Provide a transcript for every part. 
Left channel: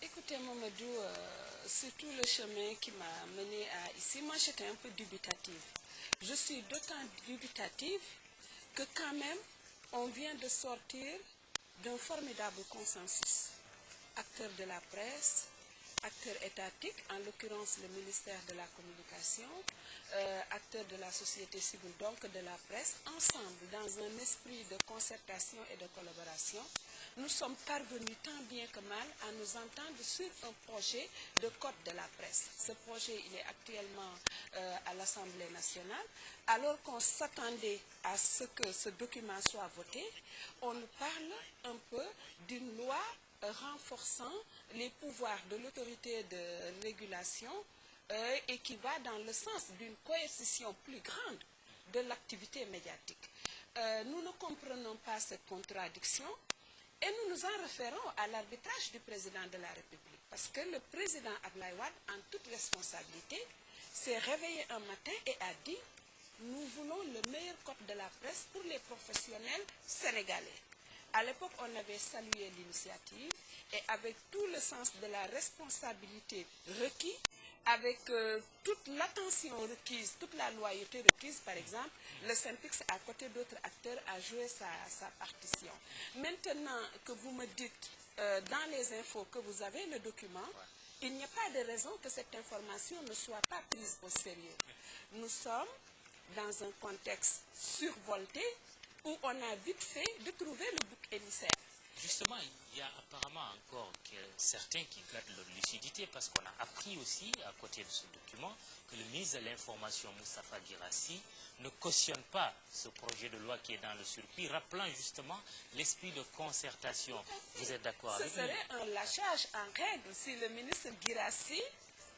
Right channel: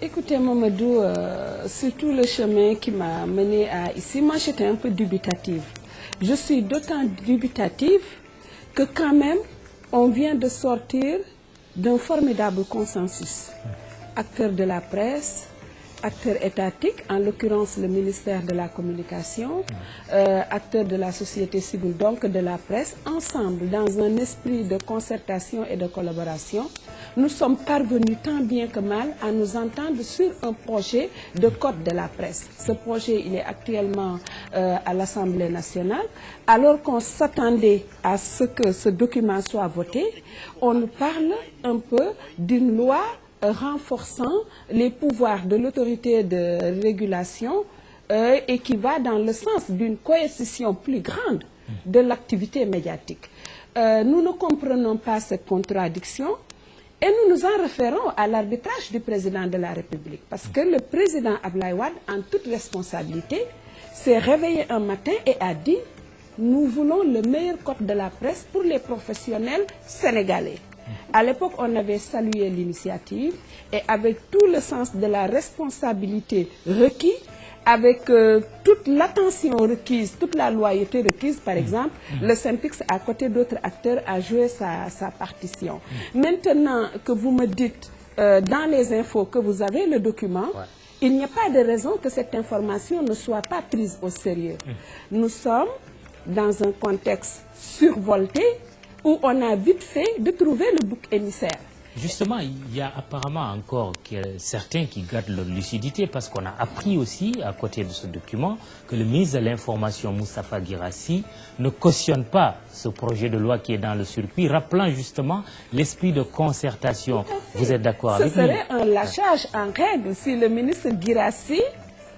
Écoutez Mamadou, c'est tout le chemin qui m'a mené à ici. Moi, j'étais un peu dubitative. Je suis d'autant dubitative que quand même, on vient de sortir d'un formidable consensus. Acteurs de la presse, acteurs étatiques, en l'occurrence le ministère de la Communication, acteurs de la société civile, donc de la presse, ensemble, dans un esprit de concertation et de collaboration, nous sommes parvenus tant bien que mal à nous entendre sur un projet de code de la presse. Ce projet, il est actuellement à l'Assemblée nationale. Alors qu'on s'attendait à ce que ce document soit voté, on nous parle un peu d'une loi renforçant les pouvoirs de l'autorité de régulation et qui va dans le sens d'une coercition plus grande de l'activité médiatique. Nous ne comprenons pas cette contradiction. Et nous nous en référons à l'arbitrage du président de la République. Parce que le président Abdoulaye Wade, en toute responsabilité, s'est réveillé un matin et a dit « Nous voulons le meilleur code de la presse pour les professionnels sénégalais ». À l'époque, on avait salué l'initiative et avec tout le sens de la responsabilité requis, avec toute l'attention requise, toute la loyauté requise, par exemple, le SYNPICS, à côté d'autres acteurs, a joué sa partition. Maintenant que vous me dites, dans les infos, que vous avez le document, il n'y a pas de raison que cette information ne soit pas prise au sérieux. Nous sommes dans un contexte survolté où on a vite fait de trouver le bouc émissaire. Justement, il y a apparemment encore certains qui gardent leur lucidité parce qu'on a appris aussi, à côté de ce document, que le ministre de l'Information, Moustapha Guirassy, ne cautionne pas ce projet de loi qui est dans le circuit, rappelant justement l'esprit de concertation. Vous êtes d'accord avec lui? Ce serait un lâchage en règle si le ministre Guirassy,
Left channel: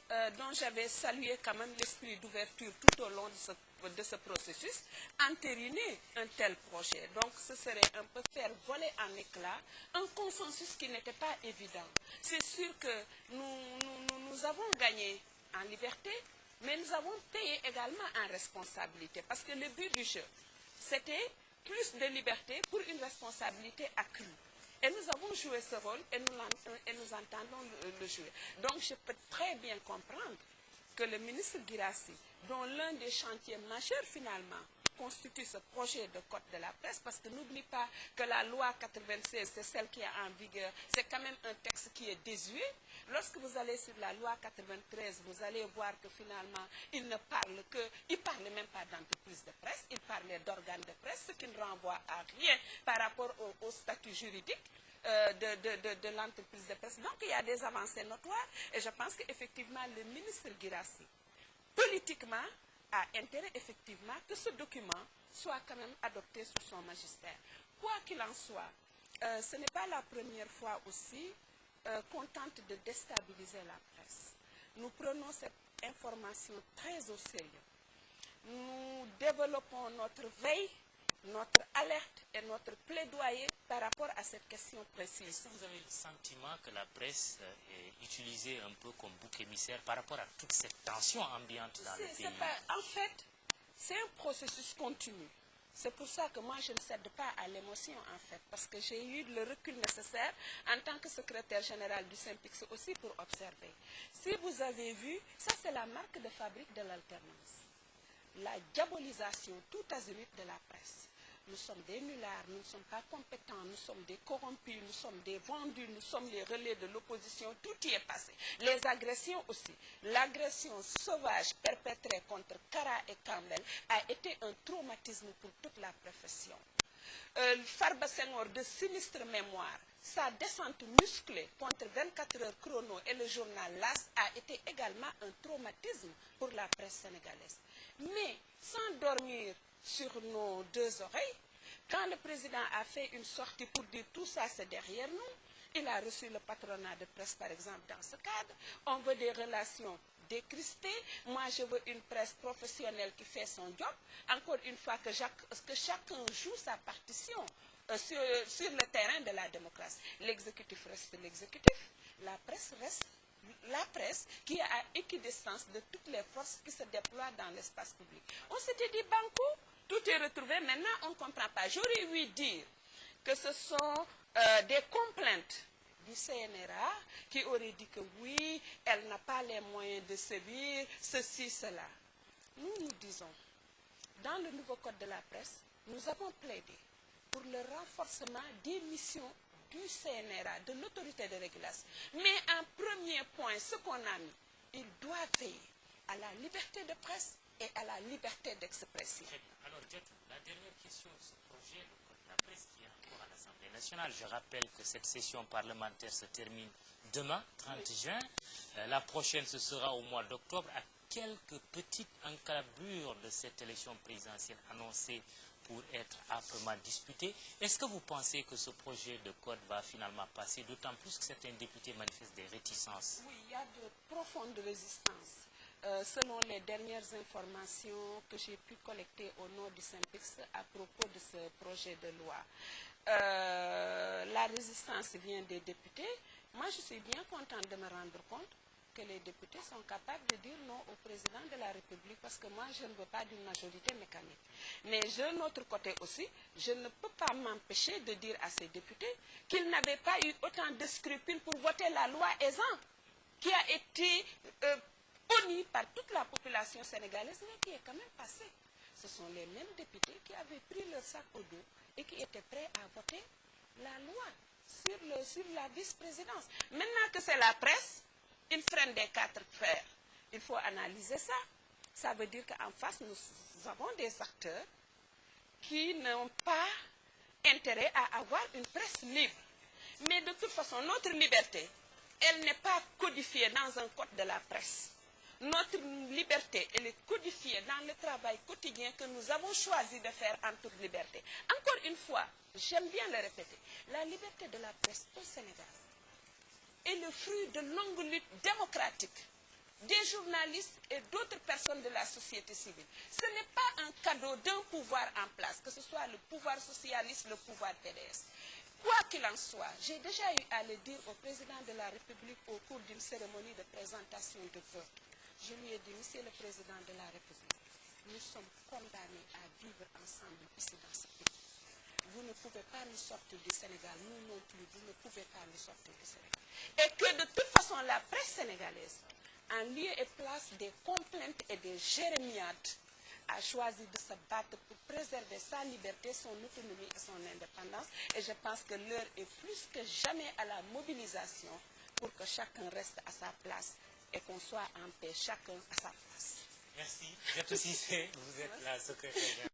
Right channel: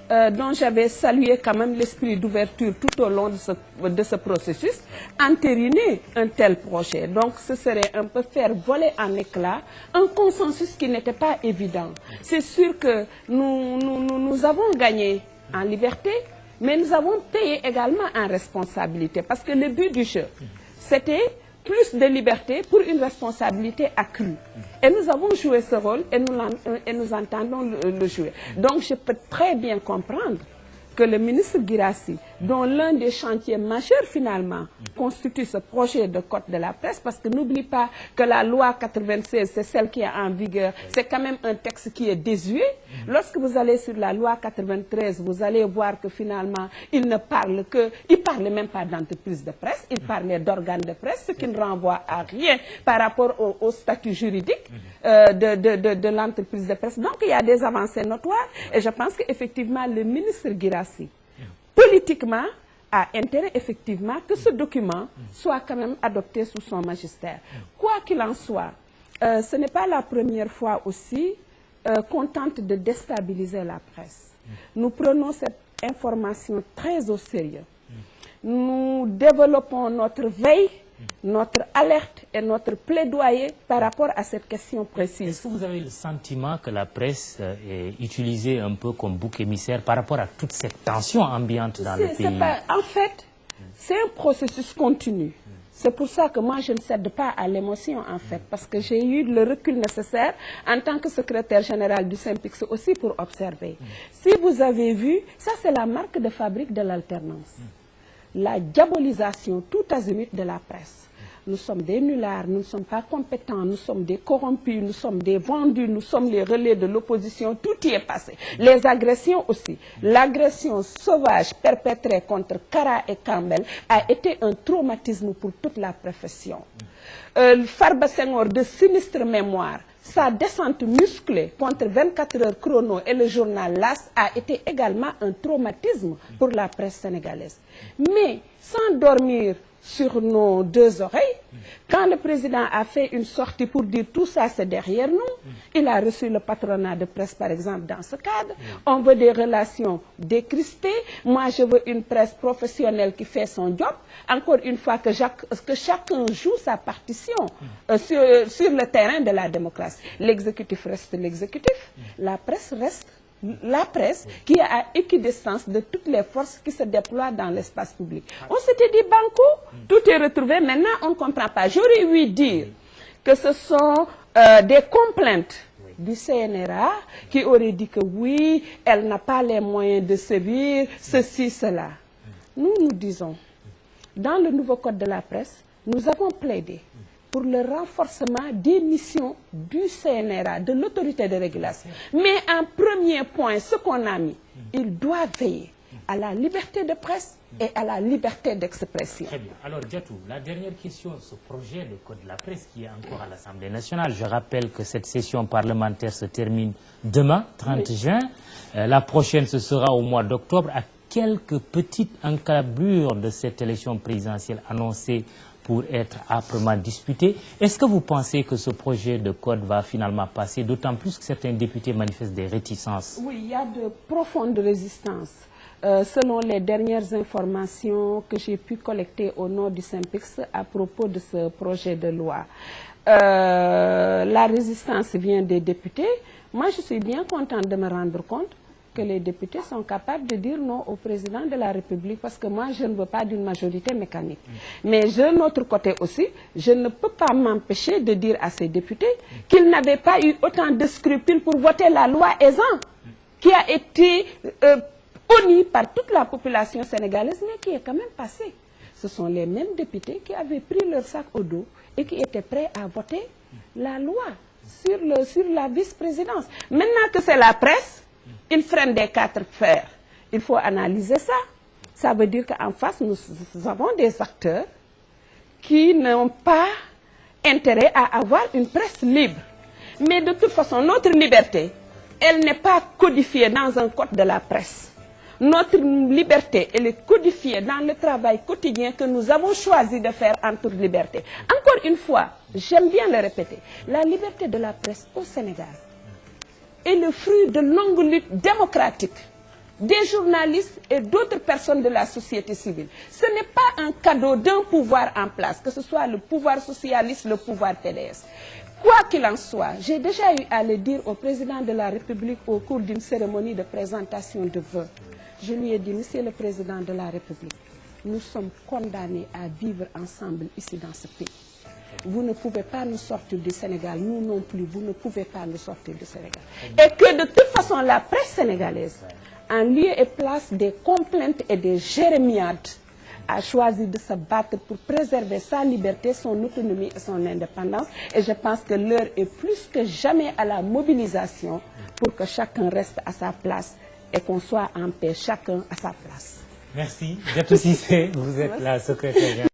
dont j'avais salué quand même l'esprit d'ouverture tout au long de ce processus, entériner un tel projet. Donc ce serait un peu faire voler en éclats un consensus qui n'était pas évident. C'est sûr que nous avons gagné en liberté, mais nous avons payé également en responsabilité. Parce que le but du jeu, c'était plus de liberté pour une responsabilité accrue. Et nous avons joué ce rôle et nous entendons le jouer. Donc je peux très bien comprendre que le ministre Guirassy, dont l'un des chantiers majeurs finalement constitue ce projet de code de la presse, parce que n'oublie pas que la loi 96, c'est celle qui est en vigueur, c'est quand même un texte qui est désuet. Lorsque vous allez sur la loi 93, vous allez voir que finalement, il ne parle que, il parle même pas d'entreprise de presse, il parlait d'organes de presse, ce qui ne renvoie à rien par rapport au statut juridique de l'entreprise de presse. Donc il y a des avancées notoires et je pense qu'effectivement le ministre Guirassy, politiquement, a intérêt effectivement que ce document soit quand même adopté sous son magistère. Quoi qu'il en soit, ce n'est pas la première fois aussi qu'on tente de déstabiliser la presse. Nous prenons cette information très au sérieux. Nous développons notre veille, notre alerte et notre plaidoyer par rapport à cette question précise. Est-ce que vous avez le sentiment que la presse est utilisée un peu comme bouc émissaire par rapport à toute cette tension ambiante dans le pays? En fait, c'est un processus continu. C'est pour ça que moi, je ne cède pas à l'émotion, en fait, parce que j'ai eu le recul nécessaire en tant que secrétaire général du SYNPICS aussi pour observer. Si vous avez vu, ça c'est la marque de fabrique de l'alternance. La diabolisation tout azimut de la presse. Nous sommes des nullards, nous ne sommes pas compétents, nous sommes des corrompus, nous sommes des vendus, nous sommes les relais de l'opposition, tout y est passé. Les agressions aussi. L'agression sauvage perpétrée contre Kara et Campbell a été un traumatisme pour toute la profession. Farba Senghor, de sinistre mémoire, sa descente musclée contre 24 heures chrono et le journal LAS a été également un traumatisme pour la presse sénégalaise. Mais sans dormir sur nos deux oreilles, quand le président a fait une sortie pour dire tout ça c'est derrière nous, il a reçu le patronat de presse par exemple dans ce cadre. On veut des relations décrispées. Moi je veux une presse professionnelle qui fait son job. Encore une fois que chacun joue sa partition sur le terrain de la démocratie. L'exécutif reste l'exécutif, la presse reste la presse qui est à équidistance de toutes les forces qui se déploient dans l'espace public. On s'était dit banco, tout est retrouvé, maintenant on ne comprend pas. J'aurais ouï dire que ce sont des complaintes du CNRA qui aurait dit que oui, elle n'a pas les moyens de sévir, ceci, cela. Nous, nous disons, dans le nouveau code de la presse, nous avons plaidé pour le renforcement des missions du CNRA, de l'autorité de régulation. Mais en premier point, ce qu'on a mis, il doit veiller à la liberté de presse et à la liberté d'expression. Très bien. Alors, Diatou, la dernière question, ce projet de code de la presse qui est encore à l'Assemblée nationale. Je rappelle que cette session parlementaire se termine demain, 30 juin. La prochaine, ce sera au mois d'octobre. À quelques petites encablures de cette élection présidentielle annoncée pour être âprement disputée, est-ce que vous pensez que ce projet de code va finalement passer, d'autant plus que certains députés manifestent des réticences? Oui, il y a de profondes résistances. Selon les dernières informations que j'ai pu collecter au nom du SYNPICS à propos de ce projet de loi. La résistance vient des députés. Moi, je suis bien contente de me rendre compte que les députés sont capables de dire non au président de la République, parce que moi, je ne veux pas d'une majorité mécanique. Mais d'un autre côté aussi, je ne peux pas m'empêcher de dire à ces députés qu'ils n'avaient pas eu autant de scrupules pour voter la loi Ezzan, qui a été honnie par toute la population sénégalaise, mais qui est quand même passée. Ce sont les mêmes députés qui avaient pris leur sac au dos et qui étaient prêts à voter la loi sur la vice-présidence. Maintenant que c'est la presse, ils freinent des quatre fers. Il faut analyser ça. Ça veut dire qu'en face, nous avons des acteurs qui n'ont pas intérêt à avoir une presse libre. Mais de toute façon, notre liberté, elle n'est pas codifiée dans un code de la presse. Notre liberté, elle est codifiée dans le travail quotidien que nous avons choisi de faire en toute liberté. Encore une fois, j'aime bien le répéter, la liberté de la presse au Sénégal est le fruit de longues luttes démocratiques des journalistes et d'autres personnes de la société civile. Ce n'est pas un cadeau d'un pouvoir en place, que ce soit le pouvoir socialiste, le pouvoir PDS. Quoi qu'il en soit, j'ai déjà eu à le dire au président de la République au cours d'une cérémonie de présentation de vœux. Je lui ai dit, Monsieur le Président de la République, nous sommes condamnés à vivre ensemble ici dans ce pays. Vous ne pouvez pas nous sortir du Sénégal, nous non plus, vous ne pouvez pas nous sortir du Sénégal. Et que de toute façon, la presse sénégalaise, en lieu et place des complaintes et des jérémiades, a choisi de se battre pour préserver sa liberté, son autonomie et son indépendance. Et je pense que l'heure est plus que jamais à la mobilisation pour que chacun reste à sa place et qu'on soit en paix, chacun à sa place. Merci. Diatou Cissé, vous êtes la secrétaire.